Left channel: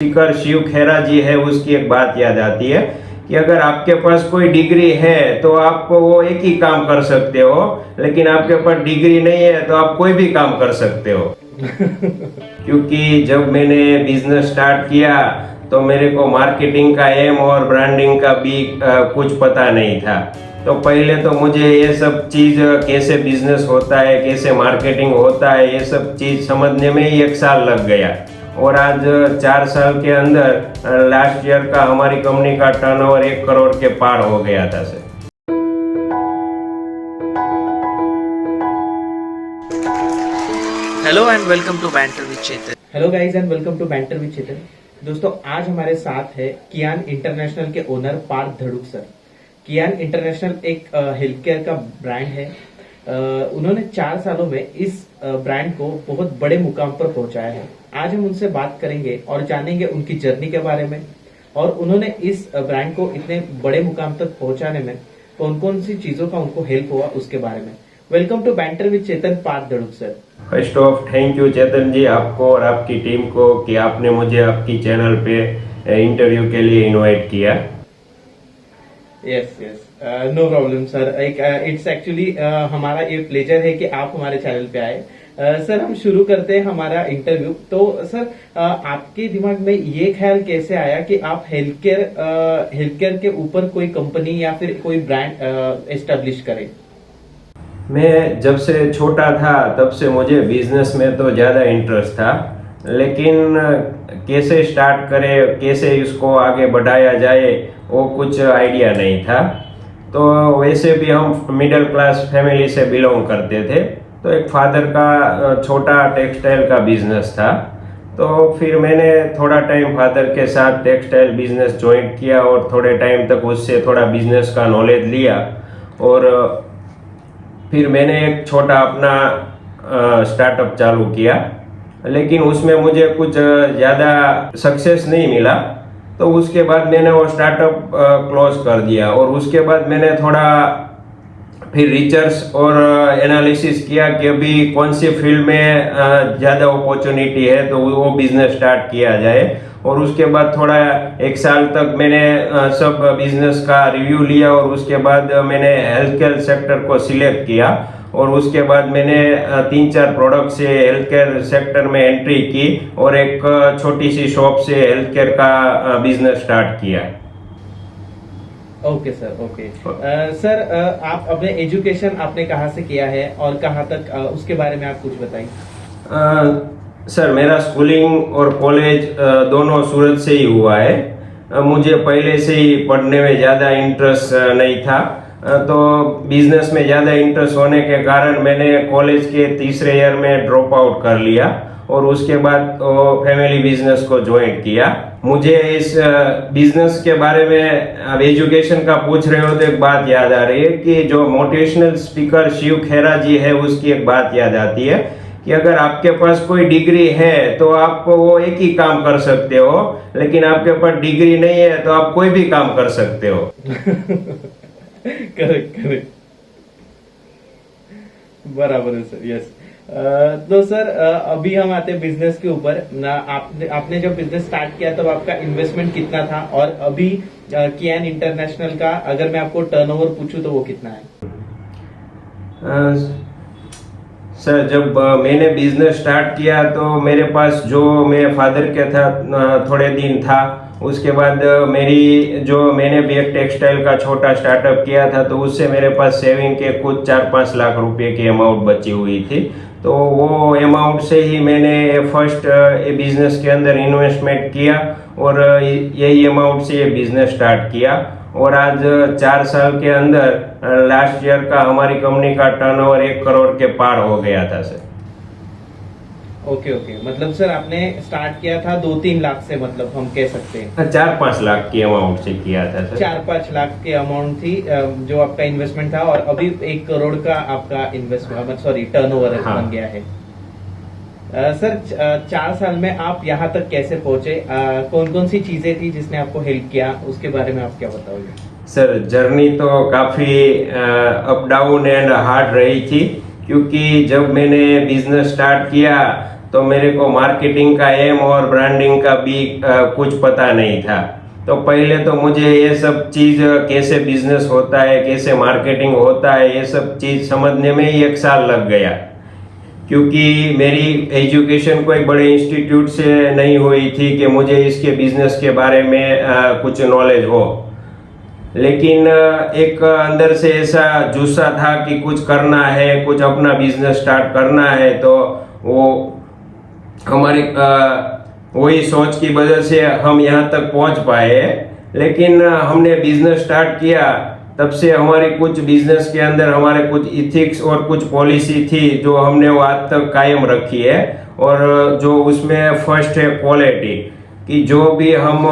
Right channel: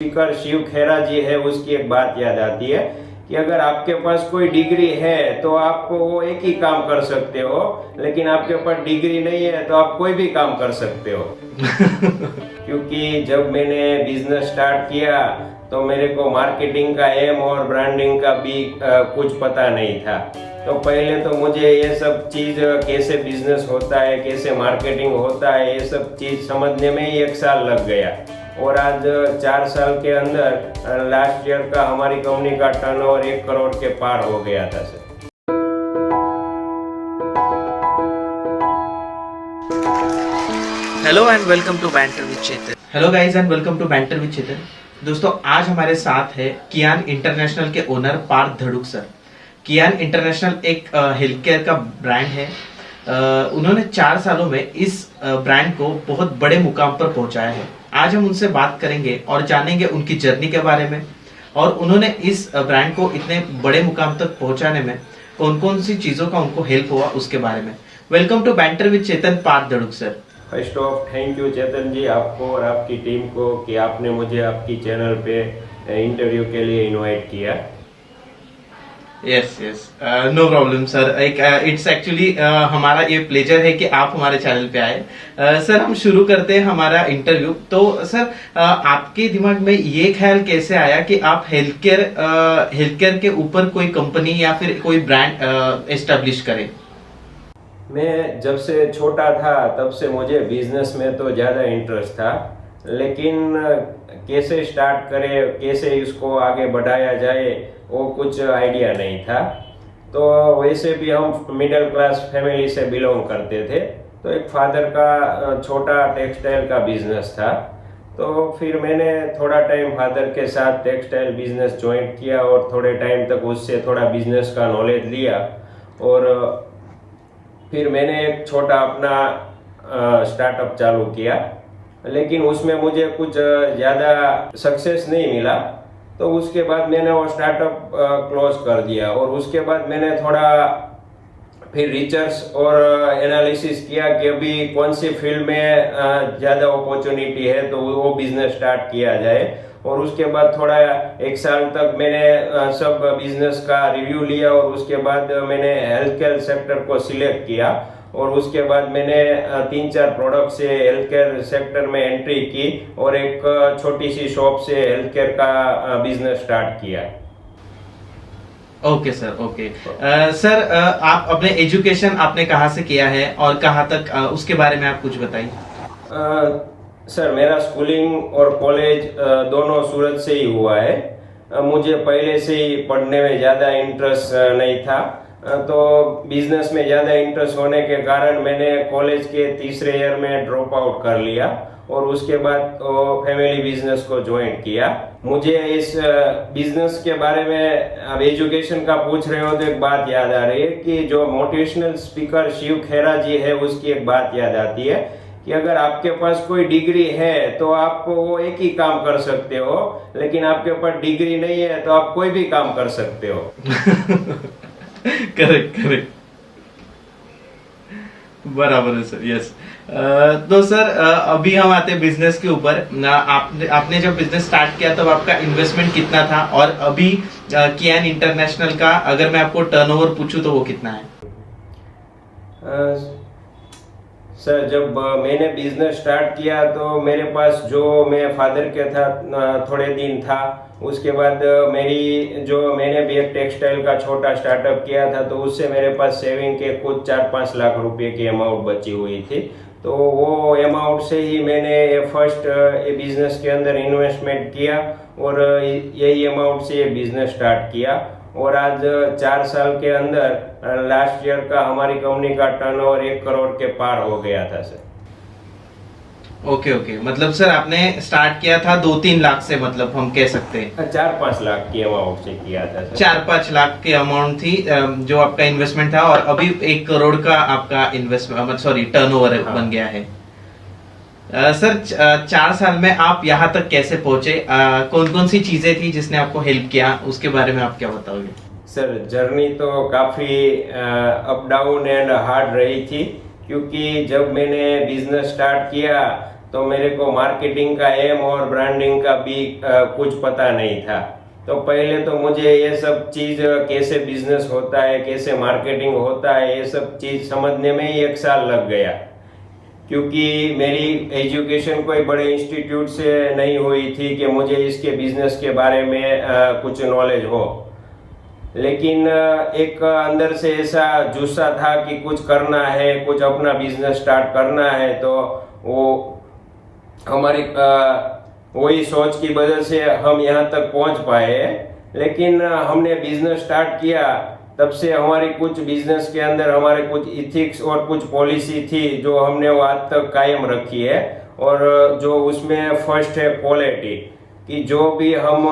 Speaker Shiv खेरा जी है, उसकी एक बात याद आती है कि अगर आपके पास कोई डिग्री है तो आप वो एक ही काम कर सकते हो, लेकिन आपके पास डिग्री नहीं है तो आप कोई भी काम कर सकते हो। क्योंकि जब मैंने बिजनेस स्टार्ट किया तो मेरे को मार्केटिंग का एम और ब्रांडिंग का भी कुछ पता नहीं था। तो पहले तो मुझे ये सब चीज़ कैसे बिजनेस होता है, कैसे मार्केटिंग होता है, ये सब चीज़ समझने में ही 1 साल लग गया। और आज 4 साल के अंदर लास्ट ईयर का हमारी कंपनी का टर्नओवर 1 करोड़ के पार हो गया था sir. Hello and welcome to banter with Chetan. Hello guys and welcome to banter with Chetan. दोस्तों, आज हमारे साथ है कियान इंटरनेशनल के ओनर पार्थ धड़ुक सर। कियान इंटरनेशनल एक हेल्थ केयर का ब्रांड है। उन्होंने 4 सालों में इस ब्रांड को बहुत बड़े मुकाम पर पहुंचाया है। आज हम उनसे बात करेंगे और जानेंगे उनकी जर्नी के बारे में, और उन्होंने इस ब्रांड को इतने बड़े मुकाम तक पहुंचाने में कौन कौन सी चीजों का उनको हेल्प हुआ उसके बारे में। Welcome to banter with Chetan, Parth Dhaduk sir. First of thank you Chetan ji, आपको और आपकी टीम को कि आपने मुझे आपकी चैनल पे इंटरव्यू के लिए इनवाइट किया। Yes no problem sir. It's actually हमारा ये प्लेजर है कि आप हमारे चैनल पे आए। सर, हम शुरू करते हैं हमारा इंटरव्यू। तो सर, आपके दिमाग में ये ख्याल कैसे आया कि आप हेल्थ केयर के ऊपर कोई कंपनी या फिर कोई ब्रांड एस्टेब्लिश करें? मैं जब से छोटा था तब से मुझे बिजनेस में तो ज़्यादा इंटरेस्ट था, लेकिन कैसे स्टार्ट करें, कैसे इसको आगे बढ़ाया जाए, वो कुछ आइडिया नहीं था। तो वैसे भी हम मिडिल क्लास फैमिली से बिलोंग करते थे, तो एक फादर का छोटा टेक्सटाइल का बिजनेस था। तो फिर मैंने थोड़ा टाइम फादर के साथ टेक्सटाइल बिजनेस ज्वाइन किया और थोड़े टाइम तक उससे थोड़ा बिजनेस का नॉलेज लिया, और फिर मैंने एक छोटा अपना स्टार्टअप चालू किया, लेकिन उसमें मुझे कुछ ज़्यादा सक्सेस नहीं मिला। तो उसके बाद मैंने वो स्टार्टअप क्लोज कर दिया, और उसके बाद मैंने थोड़ा फिर रिसर्च और एनालिसिस किया कि अभी कौन सी फील्ड में ज़्यादा अपॉर्चुनिटी है, तो वो बिजनेस स्टार्ट किया जाए। और उसके बाद थोड़ा 1 साल तक मैंने सब बिजनेस का रिव्यू लिया, और उसके बाद मैंने हेल्थ केयर सेक्टर को सिलेक्ट किया, और उसके बाद मैंने 3-4 प्रोडक्ट से हेल्थ केयर सेक्टर में एंट्री की, और एक छोटी सी शॉप से हेल्थ केयर का बिजनेस स्टार्ट किया। Okay sir, okay. सर, आप अपने एजुकेशन आपने कहाँ से किया है और कहाँ तक, उसके बारे में आप कुछ बताइए। सर, मेरा स्कूलिंग और कॉलेज दोनों सूरत से ही हुआ है। मुझे पहले से ही पढ़ने में ज़्यादा इंटरेस्ट नहीं था, तो बिजनेस में ज़्यादा इंटरेस्ट होने के कारण मैंने कॉलेज के तीसरे ईयर में ड्रॉप आउट कर लिया, और उसके बाद फैमिली बिजनेस को ज्वाइन किया। मुझे इस बिजनेस के बारे में, अब एजुकेशन का पूछ रहे हो तो एक बात याद आ रही है कि जो मोटिवेशनल स्पीकर शिव खेरा जी है, उसकी एक बात याद आती है कि अगर आपके पास कोई डिग्री है तो आप वो एक ही काम कर सकते हो, लेकिन आपके पास डिग्री नहीं है तो आप कोई भी काम कर सकते हो। करेक्ट, बराबर है सर। यस। तो सर, अभी हम आते हैं बिजनेस के ऊपर। आपने जब बिजनेस स्टार्ट किया तब आपका इन्वेस्टमेंट कितना था, और अभी कियान इंटरनेशनल का अगर मैं आपको टर्नओवर पूछूं तो वो कितना है? सर, जब मैंने बिजनेस स्टार्ट किया तो मेरे पास जो मैं फादर के था थोड़े दिन था, उसके बाद मैंने भी एक टेक्सटाइल का छोटा स्टार्टअप किया था, तो उससे मेरे पास सेविंग के कुछ 4-5 लाख रुपए की अमाउंट बची हुई थी। तो वो अमाउंट से ही मैंने फर्स्ट बिजनेस के अंदर इन्वेस्टमेंट किया, और यही अमाउंट से ये बिजनेस स्टार्ट किया। और आज 4 साल के अंदर लास्ट ईयर का हमारी कंपनी का टर्नओवर 1 करोड़ के पार हो गया था सर। ओके, मतलब सर आपने स्टार्ट किया था 2-3 लाख से, मतलब हम कह सकते हैं 4-5 लाख की अमाउंट से किया था सर। 4-5 लाख की अमाउंट थी जो आपका इन्वेस्टमेंट था, और अभी 1 करोड़ का आपका इन्वेस्टमेंट टर्नओवर बन गया है। सर, 4 साल में आप यहाँ तक कैसे पहुंचे? कौन कौन सी चीजें थी जिसने आपको हेल्प किया, उसके बारे में आप क्या बताओगे? सर, जर्नी तो काफ़ी अप डाउन एंड हार्ड रही थी, क्योंकि जब मैंने बिजनेस स्टार्ट किया तो मेरे को मार्केटिंग का एम और ब्रांडिंग का भी कुछ पता नहीं था। तो पहले तो मुझे ये सब चीज़ कैसे बिजनेस होता है, कैसे मार्केटिंग होता है, ये सब चीज़ समझने में ही 1 साल लग गया, क्योंकि मेरी एजुकेशन कोई बड़े इंस्टीट्यूट से नहीं हुई थी कि मुझे इसके बिजनेस के बारे में कुछ नॉलेज हो। लेकिन एक अंदर से ऐसा जुस्सा था कि कुछ करना है, कुछ अपना बिजनेस स्टार्ट करना है। तो वो हमारी वही सोच की वजह से हम यहाँ तक पहुँच पाए। लेकिन हमने बिजनेस स्टार्ट किया, तब से हमारी कुछ बिजनेस के अंदर हमारे कुछ इथिक्स और कुछ पॉलिसी थी जो हमने वो आज तक कायम रखी है। और जो उसमें फर्स्ट है क्वालिटी, कि जो भी हम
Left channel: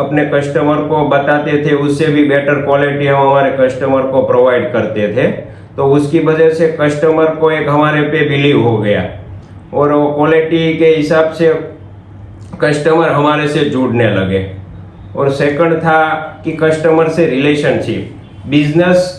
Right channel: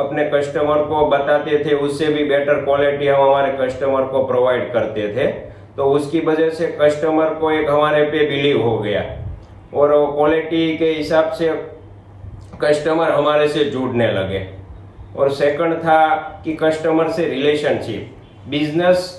अपने कस्टमर को बताते थे उससे भी बेटर क्वालिटी हम हमारे कस्टमर को प्रोवाइड करते थे। तो उसकी वजह से कस्टमर को एक हमारे पे बिलीव हो गया और वो क्वालिटी के हिसाब से कस्टमर हमारे से जुड़ने लगे। और सेकंड था कि कस्टमर से रिलेशनशिप। बिजनेस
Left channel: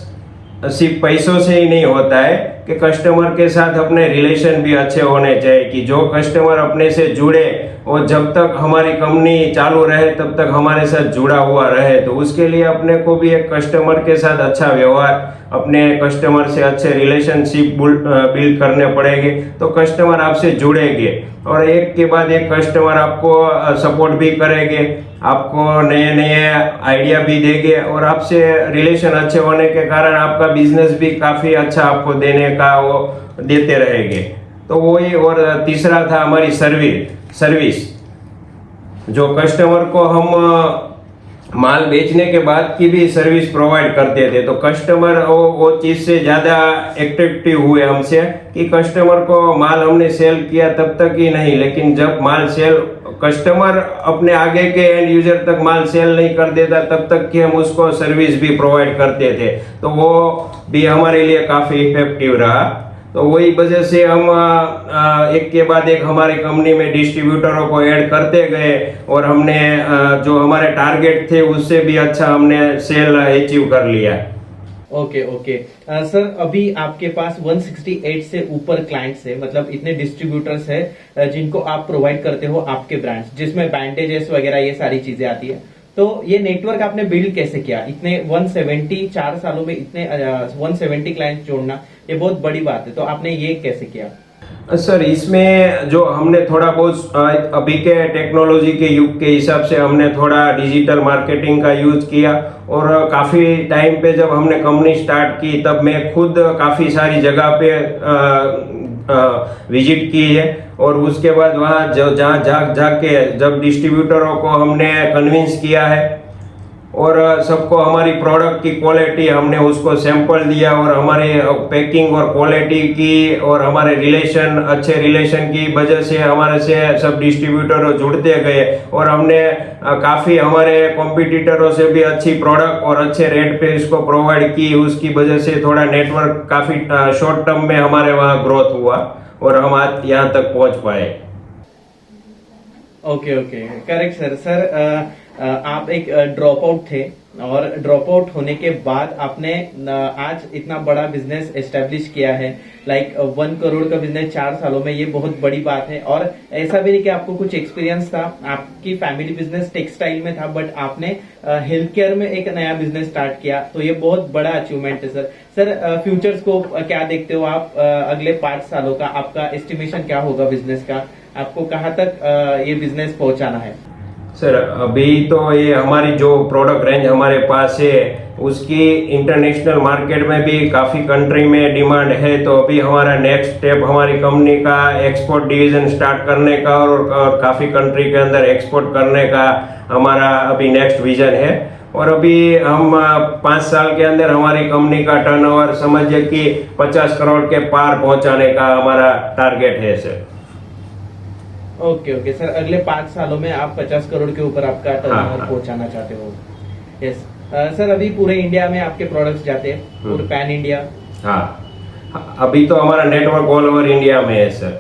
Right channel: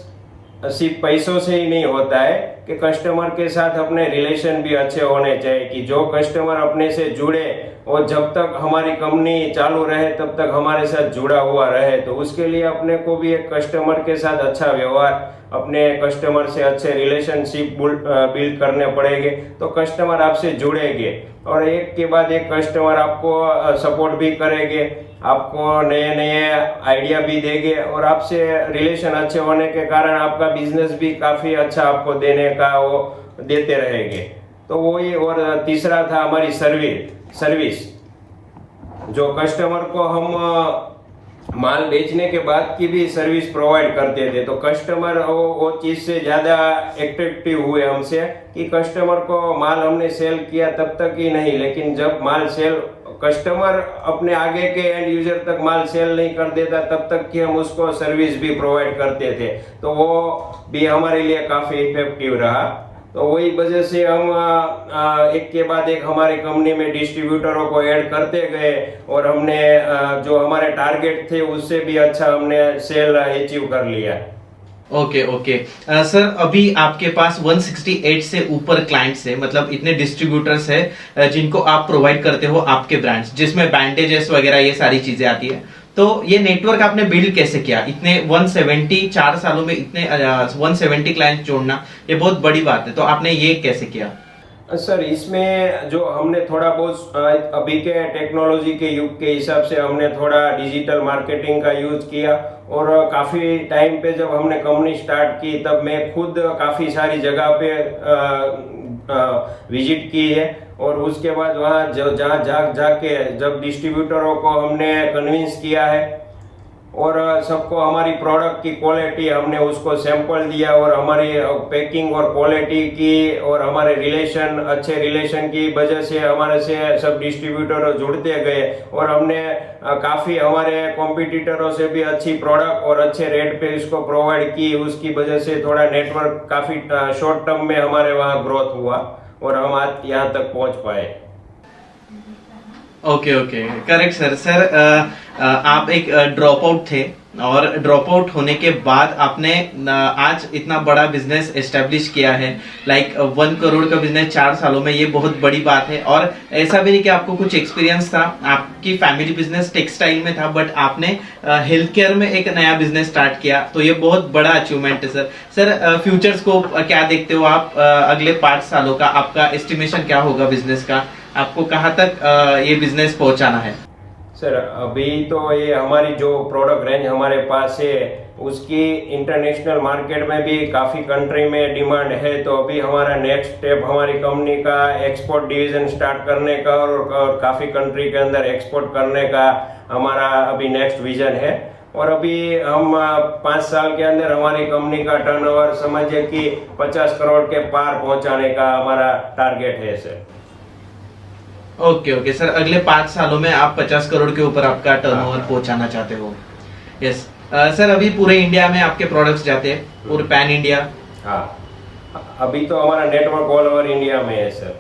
सिर्फ पैसों से ही नहीं होता है कि कस्टमर के साथ अपने रिलेशन भी अच्छे होने चाहिए, कि जो कस्टमर अपने से जुड़े और जब तक हमारी कंपनी चालू रहे तब तक हमारे साथ जुड़ा हुआ रहे। तो उसके लिए अपने को भी एक कस्टमर के साथ अच्छा व्यवहार, अपने कस्टमर से अच्छे रिलेशनशिप बिल्ड करने पड़ेंगे, तो कस्टमर आपसे जुड़ेंगे और एक के बाद एक कस्टमर आपको सपोर्ट भी करेंगे, आपको नए नए आइडिया भी देंगे और आपसे रिलेशन अच्छे होने के कारण आपका बिजनेस भी काफ़ी अच्छा आपको देने का वो देते रहेंगे। तो वही। और तीसरा था हमारी सर्विस। जो कस्टमर को हम माल बेचने के बाद की भी सर्विस प्रोवाइड करते थे, तो कस्टमर वो चीज़ से ज़्यादा एट्रैक्टिव हुए हमसे कि कस्टमर को माल हमने सेल किया तब तक ही नहीं, लेकिन जब माल सेल कस्टमर अपने आगे के एंड यूजर तक माल सेल नहीं कर देता तब तक कि हम उसको सर्विस भी प्रोवाइड करते थे। तो वो भी हमारे लिए काफ़ी इफेक्टिव रहा। तो वही वजह से हम एक के बाद एक हमारी कंपनी में डिस्ट्रीब्यूटरों को ऐड करते गए और हमने जो हमारे टारगेट थे उससे भी अच्छा हमने सेल अचीव कर लिया। ओके ओके सर, अभी आपके पास 168 से ऊपर क्लाइंट्स है, मतलब इतने डिस्ट्रीब्यूटर्स है जिनको आप प्रोवाइड करते हो आपके ब्रांड्स, जिसमें बैंडेजेस वगैरह ये सारी चीजें आती है। तो ये नेटवर्क आपने बिल्ड कैसे किया? इतने 174 सालों में इतने 170 क्लाइंट्स जोड़ना ये बहुत बड़ी बात है, तो आपने ये कैसे किया? सर, इसमें जो हमने थोड़ा बहुत अभी के टेक्नोलॉजी के युग के हिसाब से हमने थोड़ा डिजिटल मार्केटिंग का यूज किया और काफ़ी टाइम पे जब हमने कंपनी स्टार्ट की तब मैं खुद काफ़ी सारी जगह पे विजिट की है और उसके बाद वहाँ जाके जब डिस्ट्रीब्यूटरों को हमने कन्विंस किया है और सबको हमारी प्रोडक्ट की क्वालिटी हमने उसको सैंपल दिया और हमारे पैकिंग और क्वालिटी की और हमारे अच्छे रिलेशन की वजह से हमारे से सब डिस्ट्रीब्यूटर जुड़ते गए और हमने काफ़ी हमारे कॉम्पिटिटरों से भी अच्छी प्रोडक्ट और अच्छे रेट पे इसको प्रोवाइड की। उसकी वजह से थोड़ा नेटवर्क काफ़ी शॉर्ट टर्म में हमारे वहाँ ग्रोथ हुआ और हम आज यहाँ तक पहुँच पाए। Okay okay, correct sir. Sir आप एक ड्रॉप आउट थे और ड्रॉप आउट होने के बाद आपने आज इतना बड़ा बिजनेस एस्टेब्लिश किया है, लाइक 1 करोड़ का बिजनेस 4 सालों में, ये बहुत बड़ी बात है। और ऐसा भी नहीं कि आपको कुछ एक्सपीरियंस था, आपकी फैमिली बिजनेस टेक्सटाइल में था, बट आपने हेल्थ केयर में एक नया बिजनेस स्टार्ट किया, तो ये बहुत बड़ा अचीवमेंट है सर। सर फ्यूचर्स को क्या देखते हो आप? अगले 5 सालों का आपका एस्टिमेशन क्या होगा बिजनेस का? आपको कहाँ तक ये बिजनेस पहुंचाना है? सर, अभी तो ये हमारी जो प्रोडक्ट रेंज हमारे पास है उसकी इंटरनेशनल मार्केट में भी काफ़ी कंट्री में डिमांड है। तो अभी हमारा नेक्स्ट स्टेप हमारी कंपनी का एक्सपोर्ट डिवीज़न स्टार्ट करने का और काफ़ी कंट्री के अंदर एक्सपोर्ट करने का हमारा अभी नेक्स्ट विजन है। और अभी हम 5 साल के अंदर हमारी कंपनी का टर्नओवर समझिए कि 50 करोड़ के पार पहुंचाने का हमारा टारगेट है सर। ओके ओके सर, अगले 5 सालों में आप 50 करोड़ के ऊपर आपका टर्नओवर पहुंचाना चाहते हो? यस सर, अभी पूरे इंडिया में आपके प्रोडक्ट्स जाते हैं, पूरे पैन इंडिया? हाँ, अभी तो हमारा नेटवर्क ऑल ओवर इंडिया में है sir.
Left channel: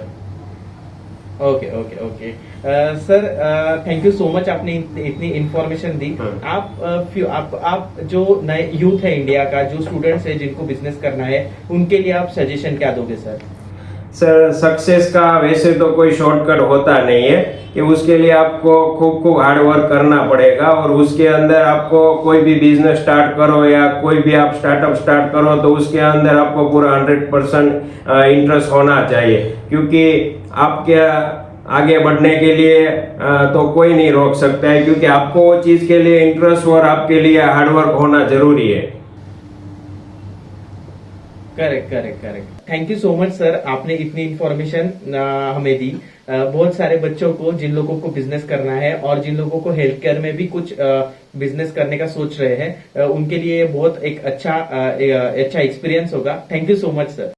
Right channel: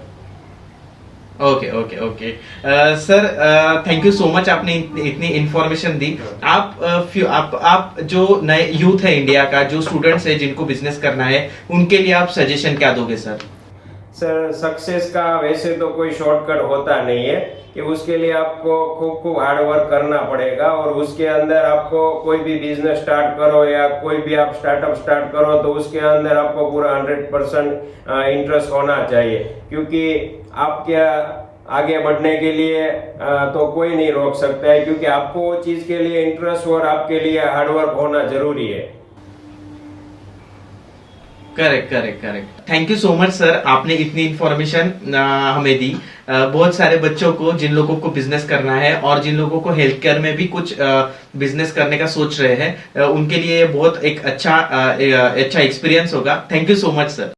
Okay okay okay sir, thank you so much, आपने इतनी इंफॉर्मेशन दी। आप जो नए यूथ है इंडिया का, जो स्टूडेंट्स है जिनको बिजनेस करना है, उनके लिए आप सजेशन क्या दोगे सर? सर सक्सेस का वैसे तो कोई शॉर्टकट होता नहीं है कि उसके लिए आपको खूब खूब हार्ड वर्क करना पड़ेगा, और उसके अंदर आपको कोई भी बिजनेस स्टार्ट करो या कोई भी आप स्टार्टअप स्टार्ट करो तो उसके अंदर आपको पूरा 100% इंटरेस्ट होना चाहिए, क्योंकि आपके आगे बढ़ने के लिए तो कोई नहीं रोक सकता है, क्योंकि आपको वो चीज़ के लिए इंटरेस्ट और आपके लिए हार्डवर्क होना जरूरी है। Correct correct correct. Thank you so much sir, आपने इतनी इंफॉर्मेशन हमें दी। बहुत सारे बच्चों को, जिन लोगों को बिजनेस करना है और जिन लोगों को हेल्थ केयर में भी कुछ बिजनेस करने का सोच रहे हैं, उनके लिए बहुत एक अच्छा एक्सपीरियंस होगा। Thank you so much sir.